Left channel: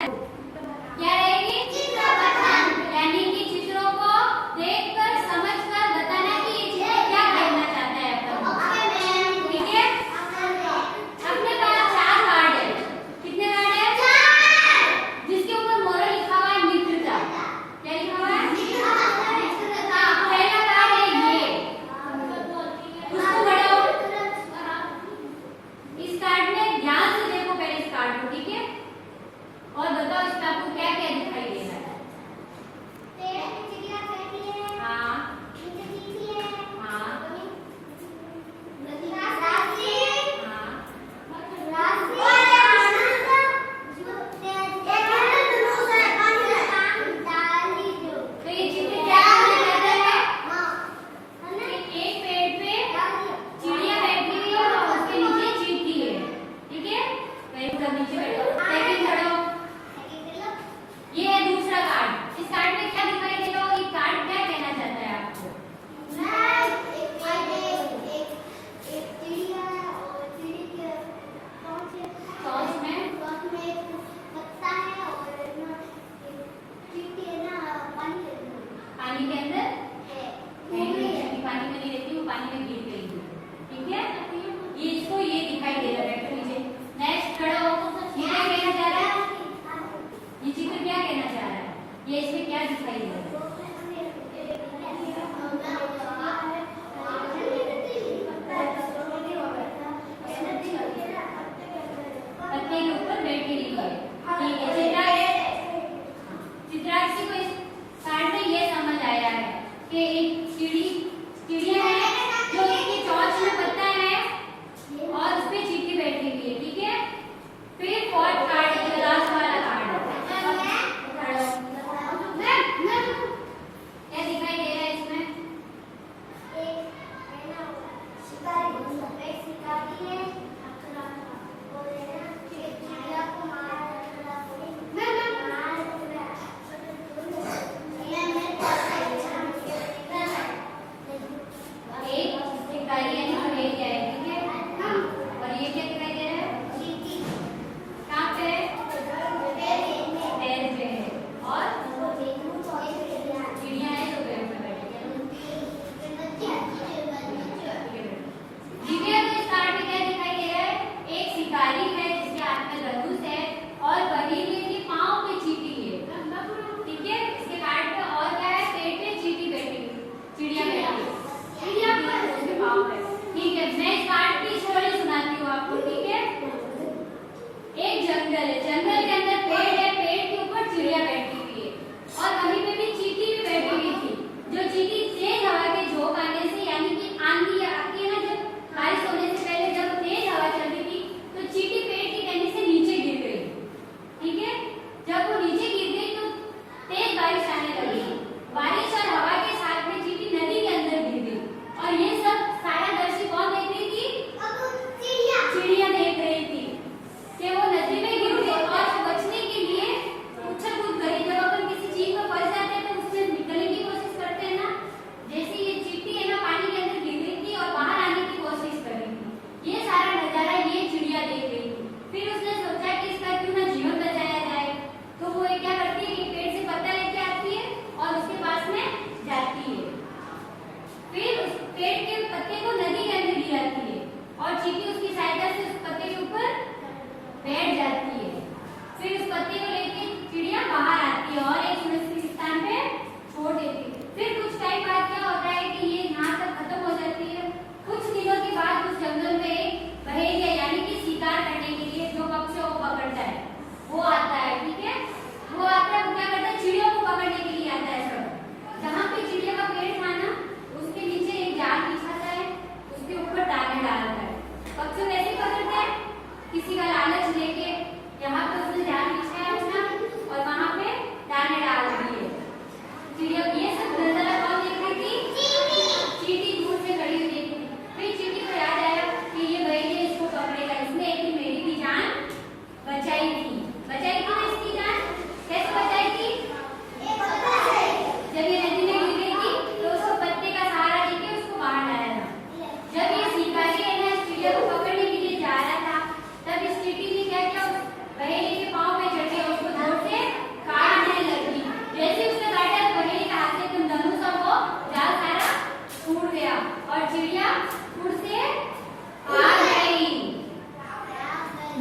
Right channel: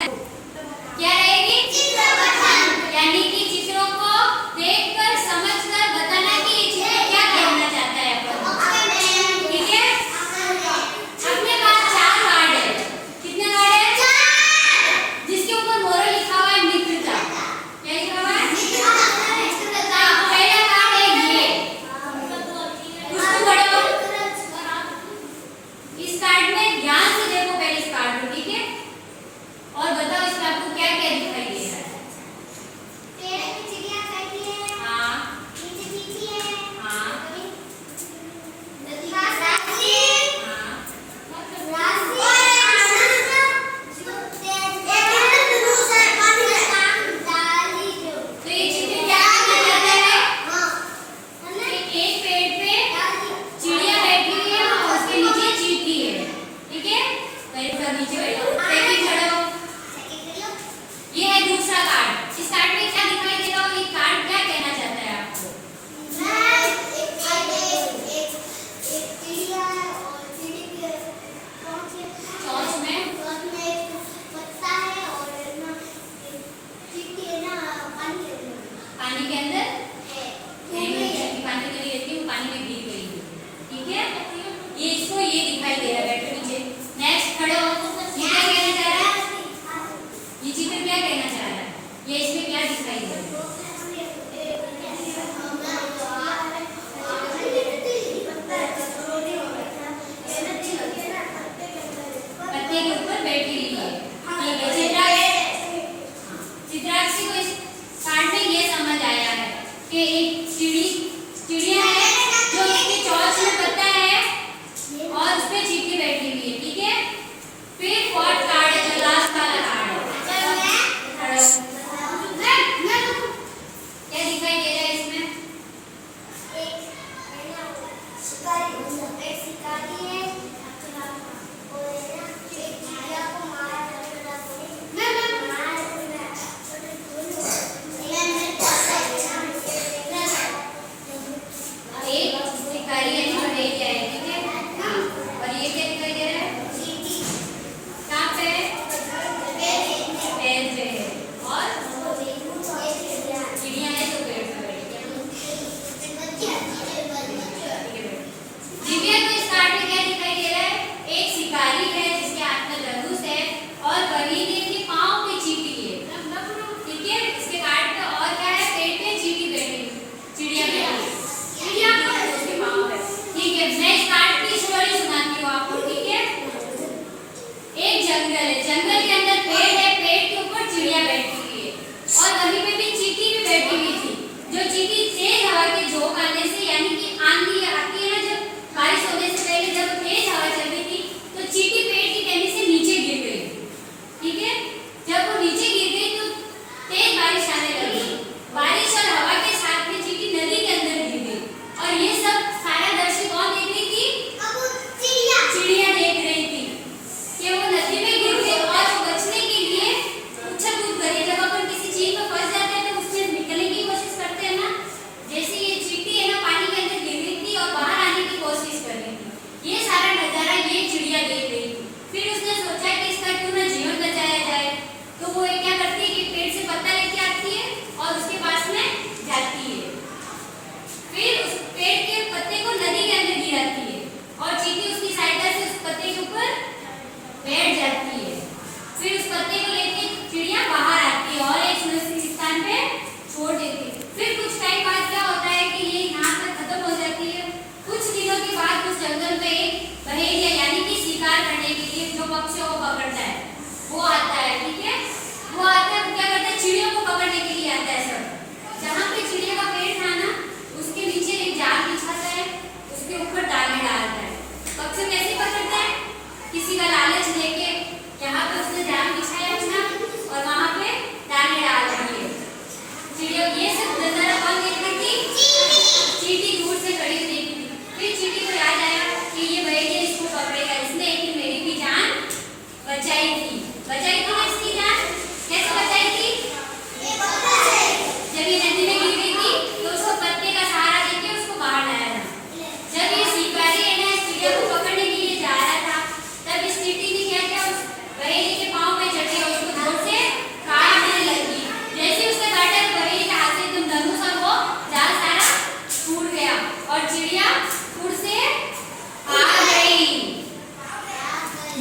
क्या रहेगी? चित्र पठन, यानी कि चित्रों को देखकर समझकर बताना कि ये चित्र क्या कहना चाहता है अपन। ठीक है? अपने पास 4 कार्ड है। कितने कार्ड है? 4। जिसके ऊपर मोरल लिखा हुआ है मित्रता। क्या लिखा हुआ है? मित्रता। हाँ, पहला कार्ड है ये। उसको पढ़ो। इस कार्ड में ध्यान से देखो पहले इस कार्ड को, ठीक है? और बताओ इसमें आपको क्या क्या दिखाई दे रहा है?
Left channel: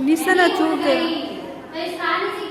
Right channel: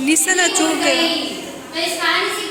निशाना चूक गया। तो इस कहानी से